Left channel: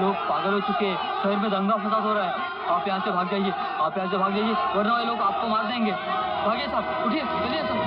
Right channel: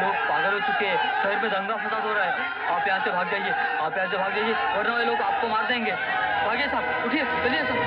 लोग पागल हो चुके हैं, शहर में दंगा फसाद हो रहा है। आप यहाँ से भाग जाइए, आप यहाँ से भाग जाइए, वरना ये लोग आपको मार देंगे। भागिए साहब, उठिए, चलिए साहब।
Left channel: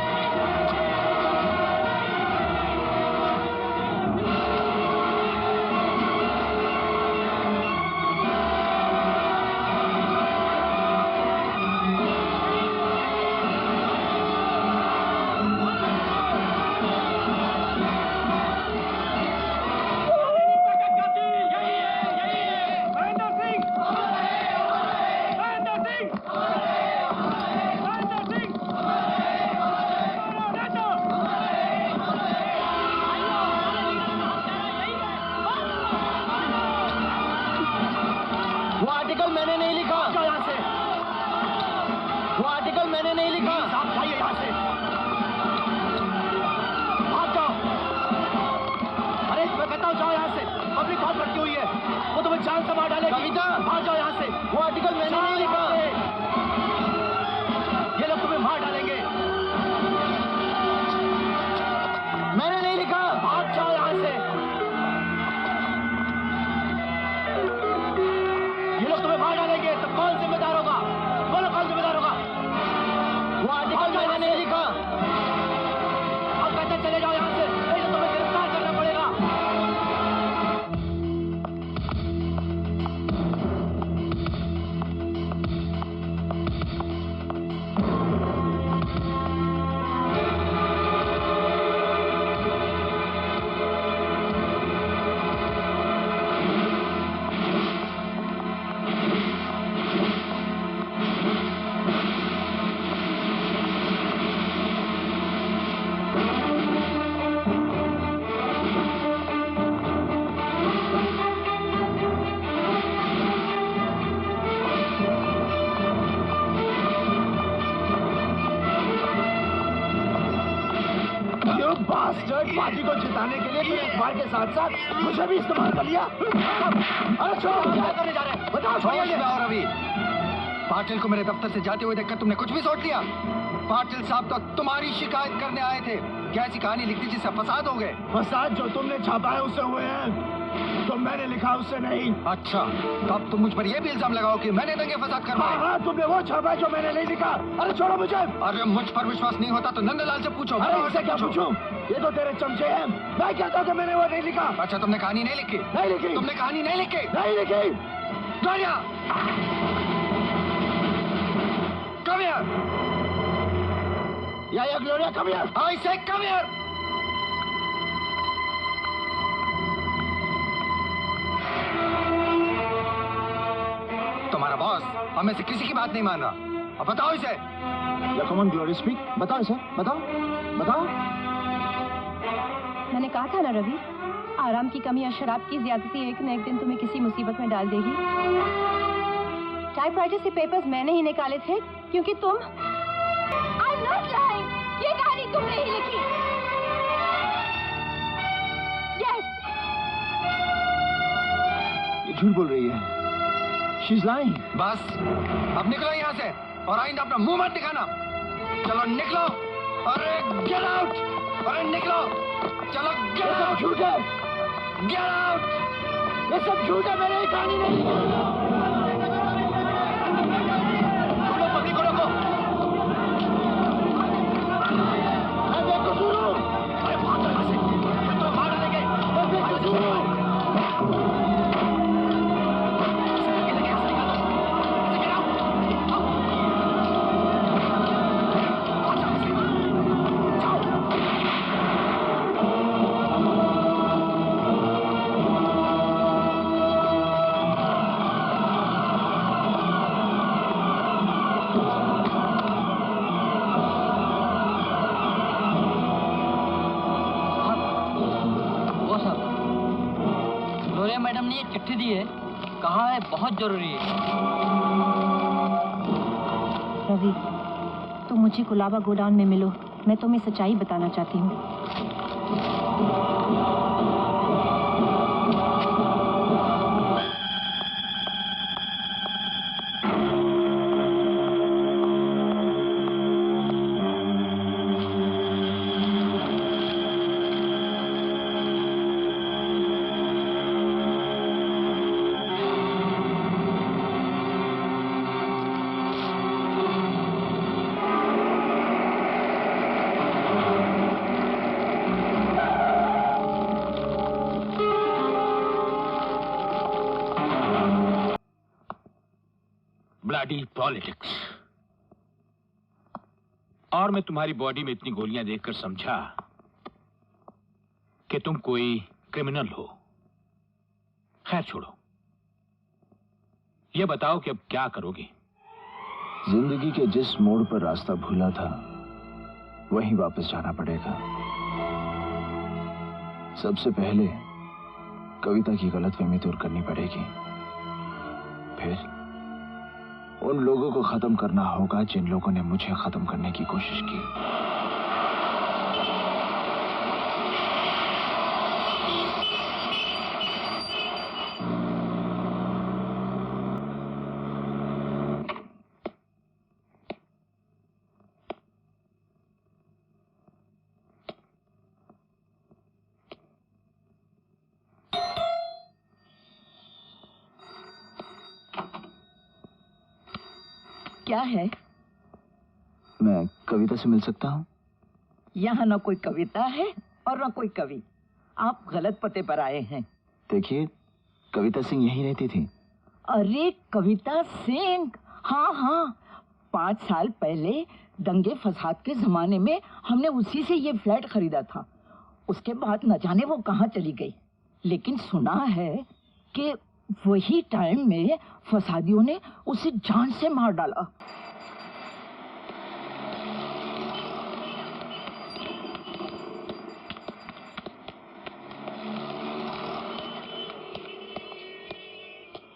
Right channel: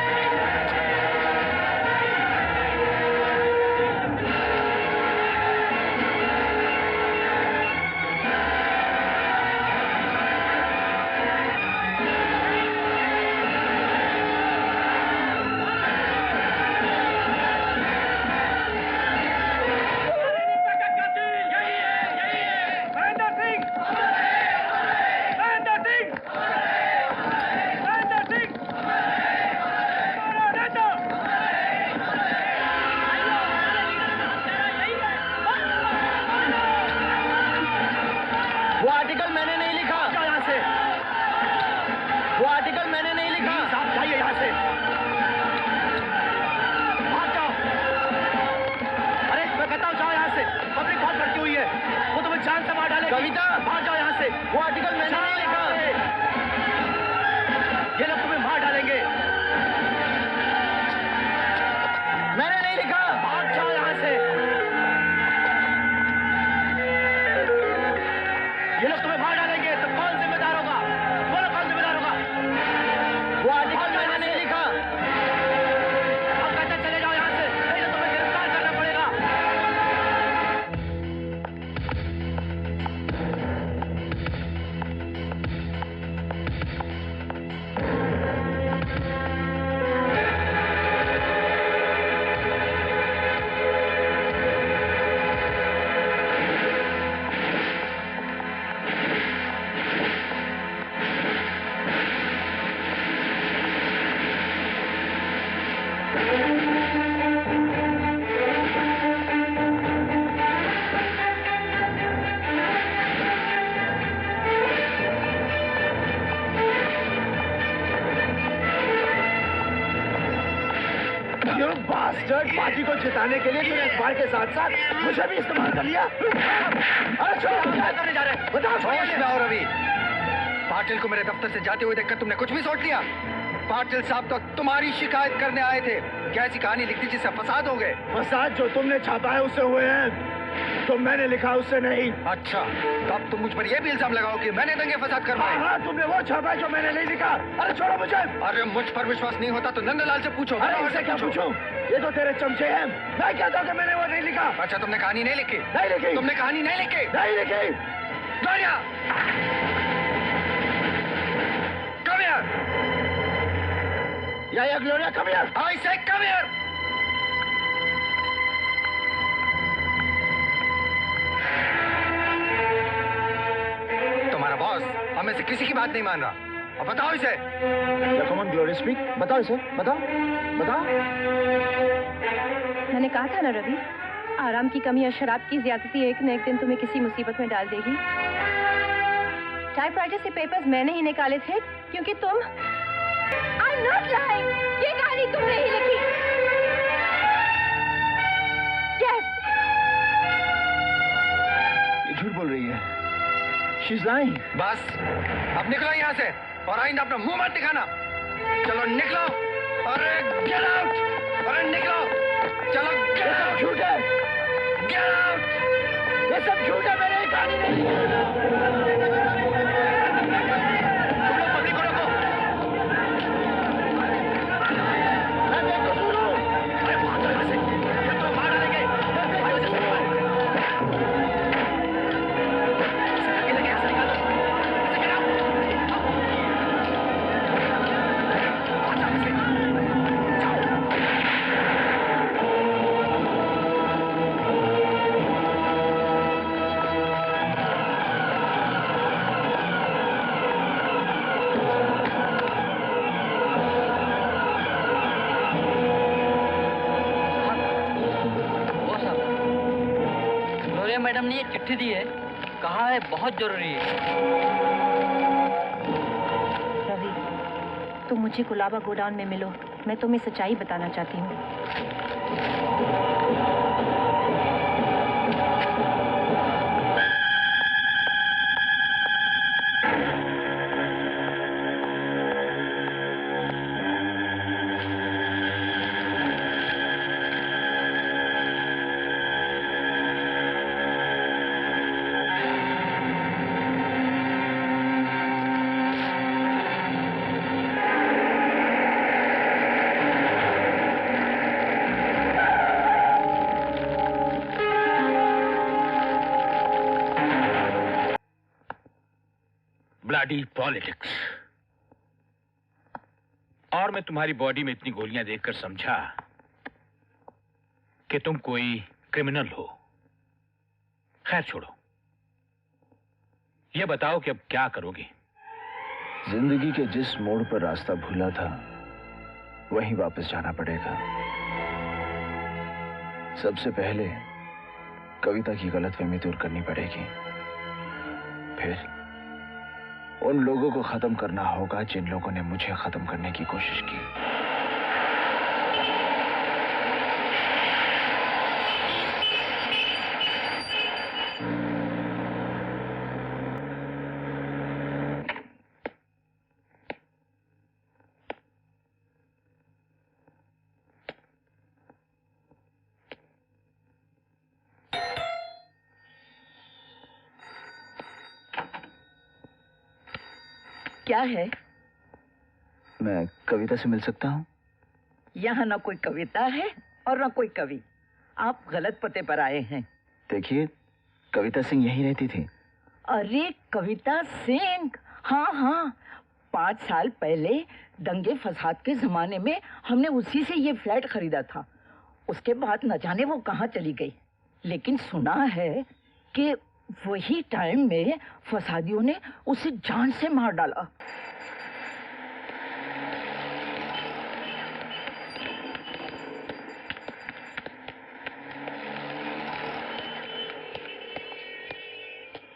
पार्टी को जिताने के लिए तूने अखबार के साथ साथ मुझे भी इस्तेमाल कर लिया। अरे छोड़ो, क्या करने जा रहे हैं? बताओ। होश में आओ रवि। पाटिल को मेरे दफ्तर से जाते हुए देखकर तुमने कुछ भी सोच लिया? पाटिल साहब तो तुम्हारी शिकायत करने आए थे। क्या ऐसी कहानी लिखती जिससे फसाद हो गए? फसाद जो तुमने छापा है उससे हुए हैं, तो मैंने लिखा उससे नहीं। अच्छा, तब तुम मुझ पर यह भी इल्जाम लगाओ कि मैंने दंगे फसाद करवाए। हाँ, तुमने वो छापा है जो मैंने नहीं लिखा। अरे छोड़ो मुझे। अरे मुझ पर विश्वास नहीं होता तो नंदलाल से पूछो। अरे इससे क्या पूछूं? ये तो तेरे चमचे हैं। मैं कहता हूँ कि मैंने वो नहीं लिखा। अच्छा, तुमने कहानी नहीं लिखी? नहीं लिखी। तुमने कहानी नहीं लिखी? नहीं लिखी। Gloria, come here. या Gloria, come here. I say come here. तुम्हारा बॉस हमें से किसी की बात नहीं मान रहा। अब बताओ इसे। Come on, Gloria, speak. बताओ इसे, बताओ, बताओ। मैंने कहा था ना रवि, आराम की कमी और शराब की ज्यादती एक न एक दिन तुम्हें किसी मुसीबत में डाल देगी। टाइपराइटर से पेपर्स मैंने ही निकाले थे क्योंकि तुम I'm not lying. ये कहानी तुमने ही लिखी। Yes. ये झूठ बोल रही है। She's lying. बस, अब निकलो यहाँ से और आइंदा अपना मुंह मत दिखाना। चलो निकलो। अरे get out. अरे निकलो। चलो get out. ये सब झूठ है। Get out. ये सब झूठ है, मैंने ये कहानी नहीं लिखी। पब्लिक को रोको। मैं बेकसूर हूँ। अरे भाग जाओ यहाँ से। ये तो मार डालेंगे। मैं बेकसूर हूँ। मैडम ने ये चिट्ठी दी है, कहा है बहुत जरूरी है। रवि, तुम मुझे कुलाबा गोडाउन में मिलो, मैं तुम्हें सच्चाई बताना चाहती हूँ। Bloody politics. और मैं तुम्हारी बॉडी में इतनी गोलियां देखकर समझा कि तुम कोई क्रिमिनल हो। खैर छोड़ो, ये बताओ कि अब क्या करोगे? जिंदगी के जिस मोड़ पर रास्ता भूला था वहीं वापस जाना पड़ेगा। सबसे पहले कविता की गलतफहमी दूर करनी पड़ेगी, फिर उन लोगों को खत्म करना होगा जिन लोगों ने मुझे खत्म करने की कोशिश की। क्या है? मैं कविता से मिल सकता हूँ? यहाँ ना कोई कविता है और ना कोई कवि। आप गलत पते पर आए हैं। देखिए, कविता सिंह यहीं रहती थी। अरे कविता सिंह, हाँ हाँ, 5 साल पहले दंगे फसाद के जमाने में हमने उसी से ये फ्लैट खरीदा था। उसके बाद न जाने वो कहाँ चली गई, लेकिन सुना है कि वही टाइम में फसादियों ने उसे जान से मार डाला।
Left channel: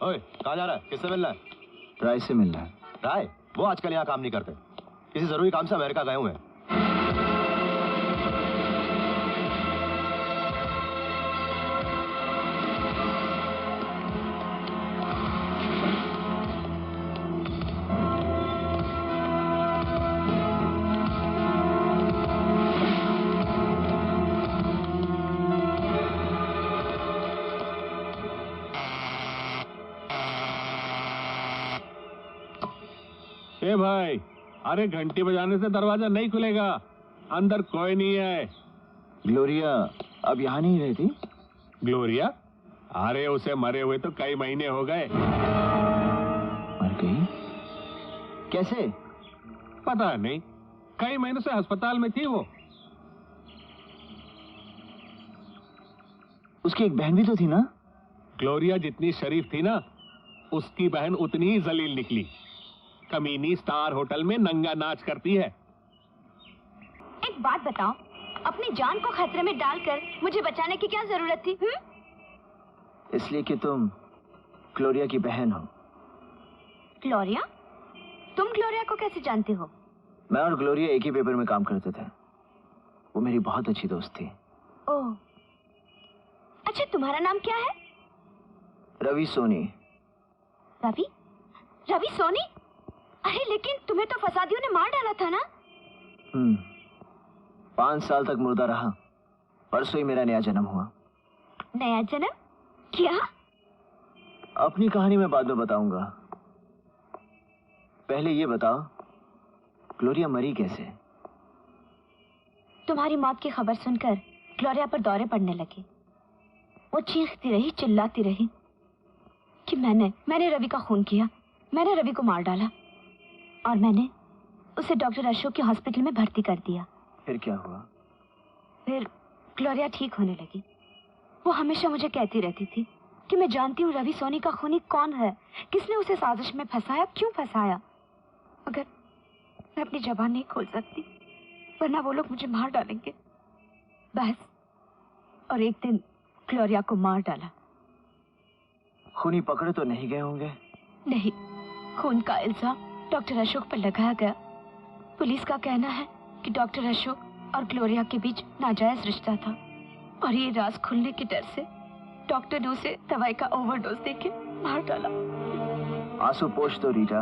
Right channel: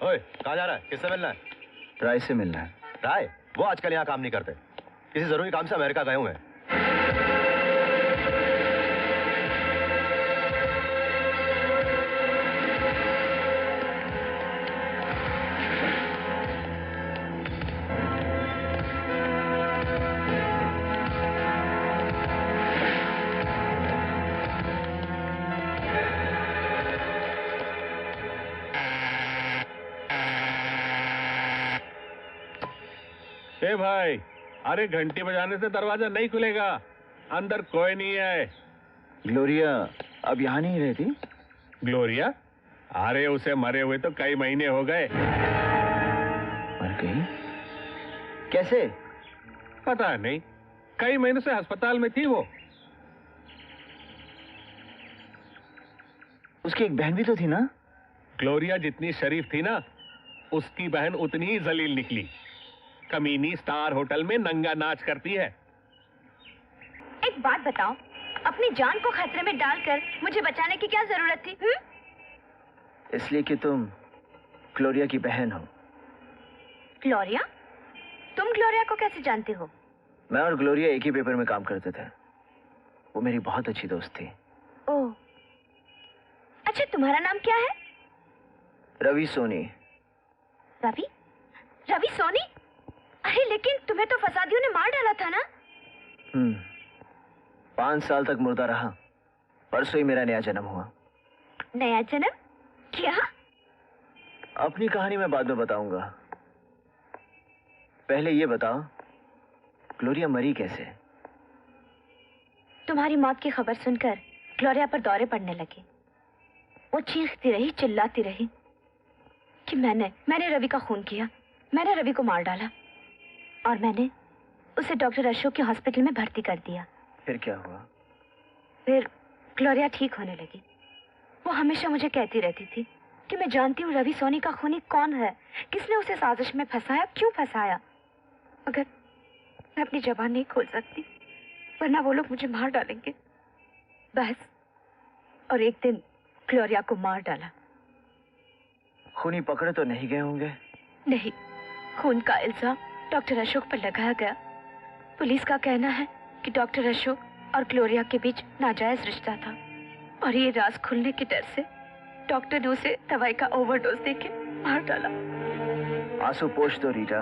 ओए, कहाँ जा रहा है? किससे मिलना है? राय से मिलना है। राय? वो आजकल यहाँ काम नहीं करते, किसी जरूरी काम से अमेरिका गए हुए हैं। ए भाई, अरे घंटी बजाने से दरवाजा नहीं खुलेगा, अंदर कोई नहीं है। ग्लोरिया अब यहाँ नहीं रहती? ग्लोरिया? अरे उसे मरे हुए तो कई महीने हो गए। मर गई? कैसे? पता नहीं, कई महीने से अस्पताल में थी वो। उसकी एक बहन भी तो थी ना? ग्लोरिया जितनी शरीफ थी ना, उसकी बहन उतनी ही जलील निकली। कमीनी स्टार होटल में नंगा नाच करती है। एक बात बताओ, अपनी जान को खतरे में डालकर मुझे बचाने की क्या जरूरत थी? इसलिए कि तुम ग्लोरिया की बहन हो। ग्लोरिया? तुम ग्लोरिया को कैसे जानते हो? मैं और ग्लोरिया एक ही पेपर में काम करते थे। वो मेरी बहुत अच्छी दोस्त थी। ओह, अच्छा, तुम्हारा नाम क्या है? रवि सोनी। रवि? रवि सोनी? अरे लेकिन तुम्हें तो फसादियों ने मार डाला था ना? 5 साल तक मुर्दा रहा। परसों ही मेरा नया जन्म हुआ। नया जन्म? क्या? अपनी कहानी मैं बाद में बताऊंगा। पहले ये बताओ, ग्लोरिया मरी कैसे? तुम्हारी मौत की खबर सुनकर ग्लोरिया पर दौरे पड़ने लगे। वो चीखती रही, चिल्लाती रही कि मैंने रवि का खून किया, मैंने रवि को मार डाला, और मैंने उसे डॉक्टर अशोक के हॉस्पिटल में भर्ती कर दिया। फिर क्या हुआ? फिर ग्लोरिया ठीक होने लगी। वो हमेशा मुझे कहती रहती थी कि मैं जानती हूँ रवि सोनी का खूनी कौन है, किसने उसे साजिश में फंसाया, क्यों फंसाया। मगर मैं अपनी जबान नहीं खोल सकती, वरना वो लोग मुझे मार डालेंगे। बस, और एक दिन ग्लोरिया को मार डाला। खूनी पकड़े तो नहीं गए होंगे? नहीं, खून का इल्जाम डॉक्टर अशोक पर लगाया गया। पुलिस का कहना है कि डॉक्टर अशोक और ग्लोरिया के बीच नाजायज रिश्ता था, और ये राज खुलने के डर से डॉक्टर ने उसे दवाई का ओवरडोज देके मार डाला। आंसू पोंछ दो रीटा,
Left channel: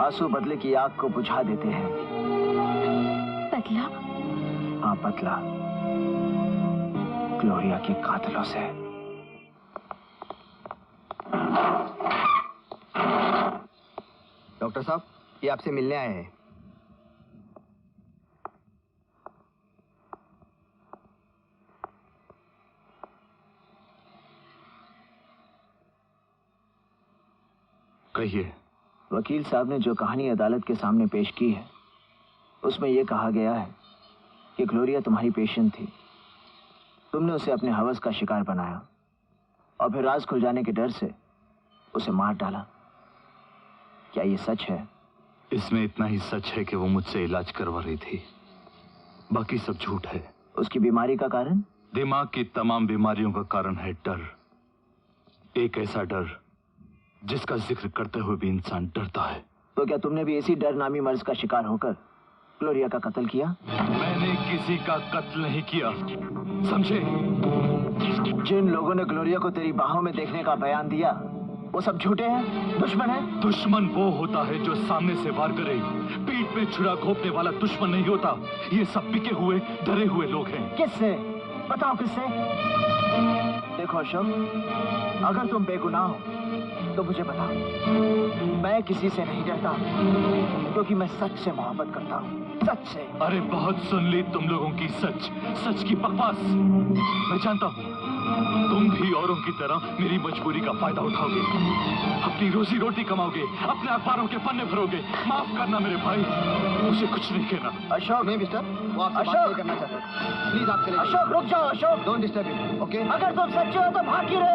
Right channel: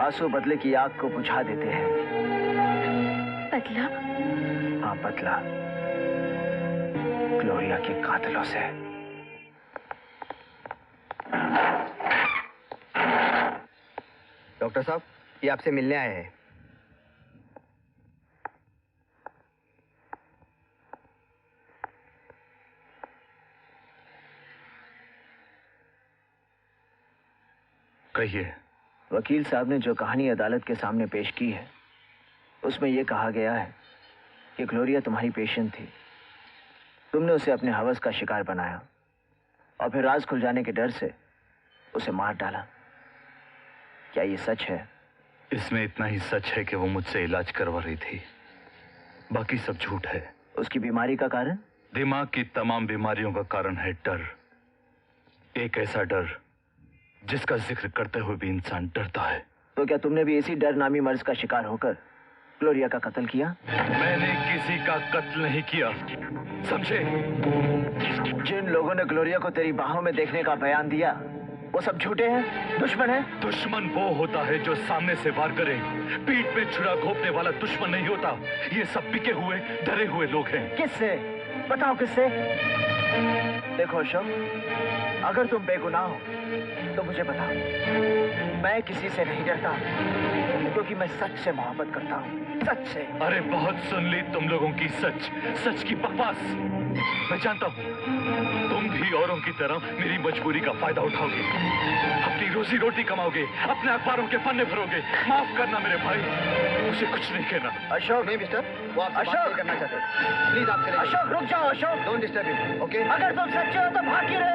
आंसू बदले की आग को बुझा देते हैं। बदला? हाँ, बदला ग्लोरिया के कातिलों से। डॉक्टर साहब, ये आपसे मिलने आए हैं। कहिए, वकील साहब ने जो कहानी अदालत के सामने पेश की है उसमें यह कहा गया है कि ग्लोरिया तुम्हारी पेशेंट थी। तुमने उसे अपने हवस का शिकार बनाया और फिर राज खुल जाने के डर से उसे मार डाला। क्या ये सच है? इसमें इतना ही सच है कि वो मुझसे इलाज करवा रही थी, बाकी सब झूठ है। उसकी बीमारी का कारण? दिमाग की तमाम बीमारियों का कारण है डर। एक ऐसा डर जिसका जिक्र करते हुए भी इंसान डरता है। तो क्या तुमने भी इसी डर नामी मर्ज का शिकार होकर ग्लोरिया का कत्ल किया? मैंने किसी का कत्ल नहीं किया, समझे? जिन लोगों ने ग्लोरिया को तेरी बाहों में देखने का बयान दिया वो सब झूठे हैं, दुश्मन हैं? दुश्मन वो होता है जो सामने से वार करे, पीठ में छुरा घोंपने वाला दुश्मन नहीं होता। ये सब बिके हुए डरे हुए लोग हैं। किससे? बताओ किससे? देखो अशोक, अगर तुम बेगुनाह हो तो मुझे बताओ। मैं किसी से नहीं डरता क्योंकि मैं सच से मोहब्बत करता हूँ, सच से। अरे बहुत सुन ली तुम लोगों की सच की बकवास। मैं जानता हूँ तुम भी औरों की तरह मेरी मजबूरी का फायदा उठाओगे, अपनी रोजी रोटी कमाओगे, अपने अखबारों के पन्ने भरोगे। माफ करना मेरे भाई, मुझे कुछ नहीं कहना। अशोक, नहीं मिस्टर, वो आपसे बात अशोक! नहीं करना चाहते। प्लीज आप चले जाइए। अशोक रुक जाओ। Ashok don't disturb him, okay? अगर तुम सच्चे हो तो भाग क्यों रहे